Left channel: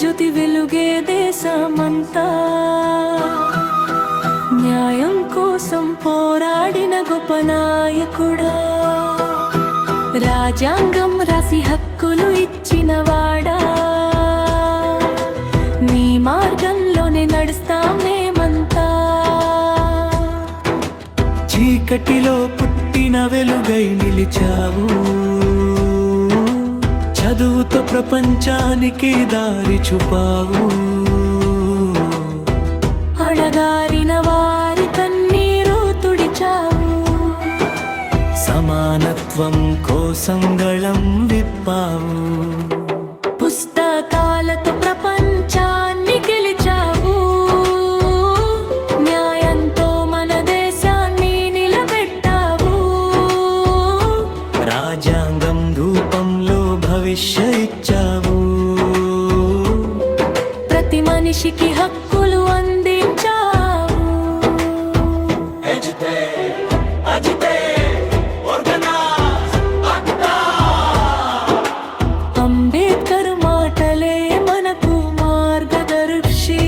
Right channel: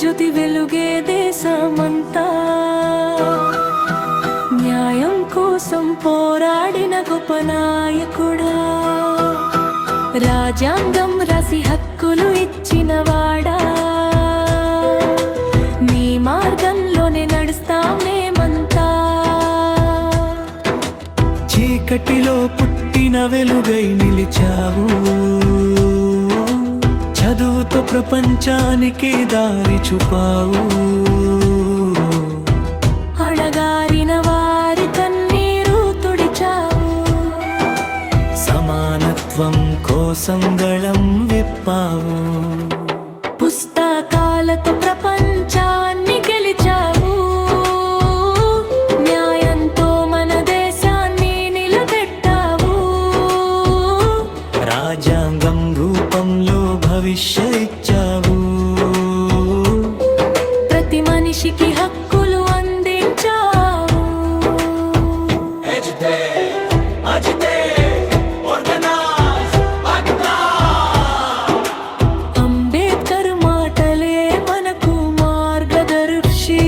జ్యోతి వెలుగే దేశమంతా, న్యాయం కోసం పోరాడిన గొప్ప నాయకుడా, రాజ్యాంగం రాసి హక్కులు ఇచ్చినవాడా, నీ మార్గంలోనే నడుస్తాం మేమంతా. చీకటిలో పుట్టిన వెలుగై నిలిచావు, చదువుతో ప్రపంచానికి దారి చూపావు, అడగారిన వారి కన్నీరు తుడిచావు, సమానత్వం కోసం గళం విప్పావు, పుస్తకాలతో ప్రపంచాన్ని గెలిచావు, న్యాయంతో మన దేశాన్ని నిలబెట్టావు, రాజ్యాంగం రూపంలో భవిష్య ఇచ్చావు, ప్రతి మనిషికి హక్కులు అందించావు. అంబేద్కర్ మాటలే మనకు మార్గదర్శి,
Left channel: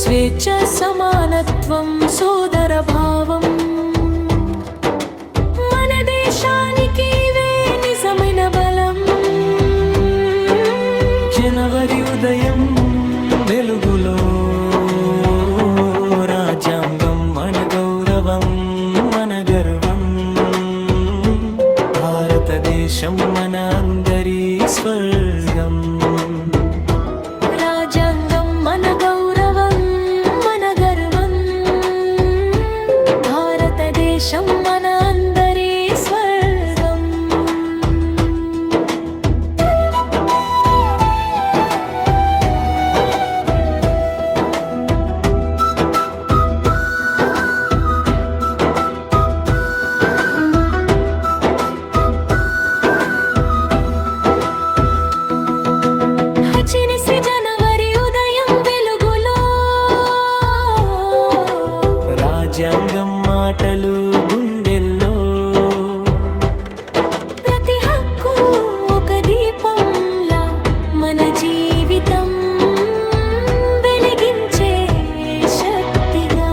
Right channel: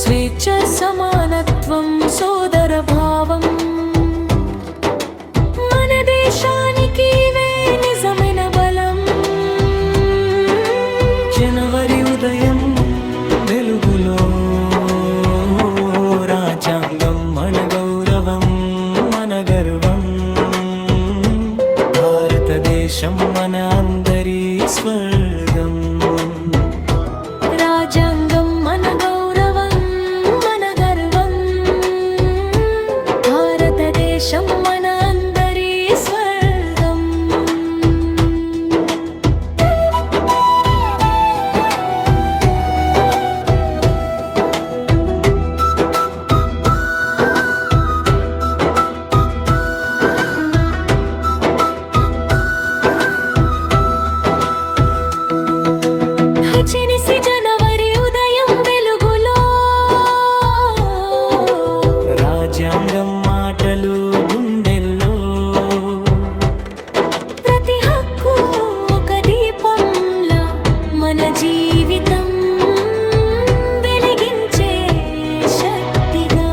స్వేచ్ఛ సమానత్వం సోదర భావం, మన దేశానికి నిజమైన బలం. జనవరి ఉదయం వెలుగులో రాజ్యాంగం మన గౌరవం, మన గర్వం, భారతదేశం మన అందరి స్వర్గం. రాజ్యాంగం మన గౌరవం, మన గర్వం, భారతదేశం మన అందరి స్వర్గం. చినిసి జనవరి ఉదయం వెలుగులో రాజ్యాంగం మాటలు గుండెల్లో, ప్రతి హక్కు ఒక దీపంలా మన జీవితం వెలిగించే శక్తిగా.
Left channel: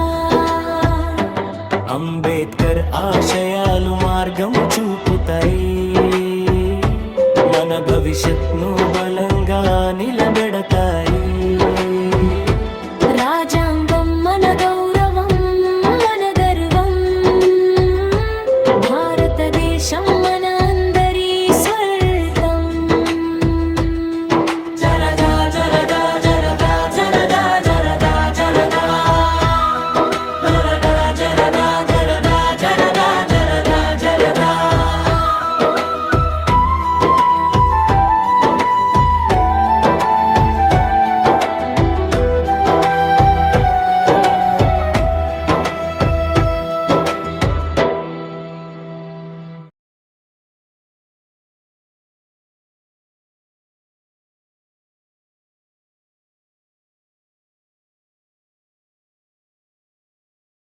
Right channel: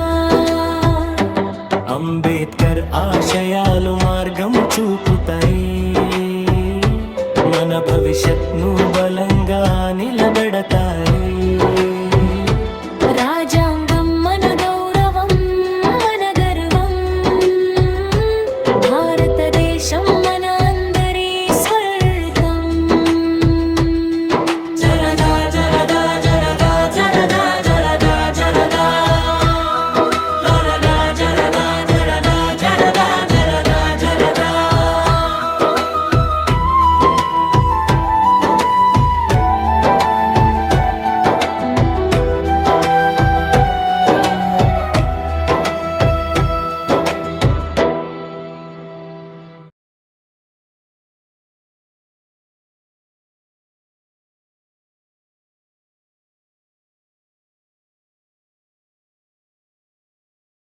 అంబేద్కర్ ఆశయాలు మార్గం చూపుతాయి, మన భవిష్యత్ను బలంగా నిలబెడతాయి. రాజ్యాంగం మన గౌరవం, మన గర్వం, భారతదేశం మన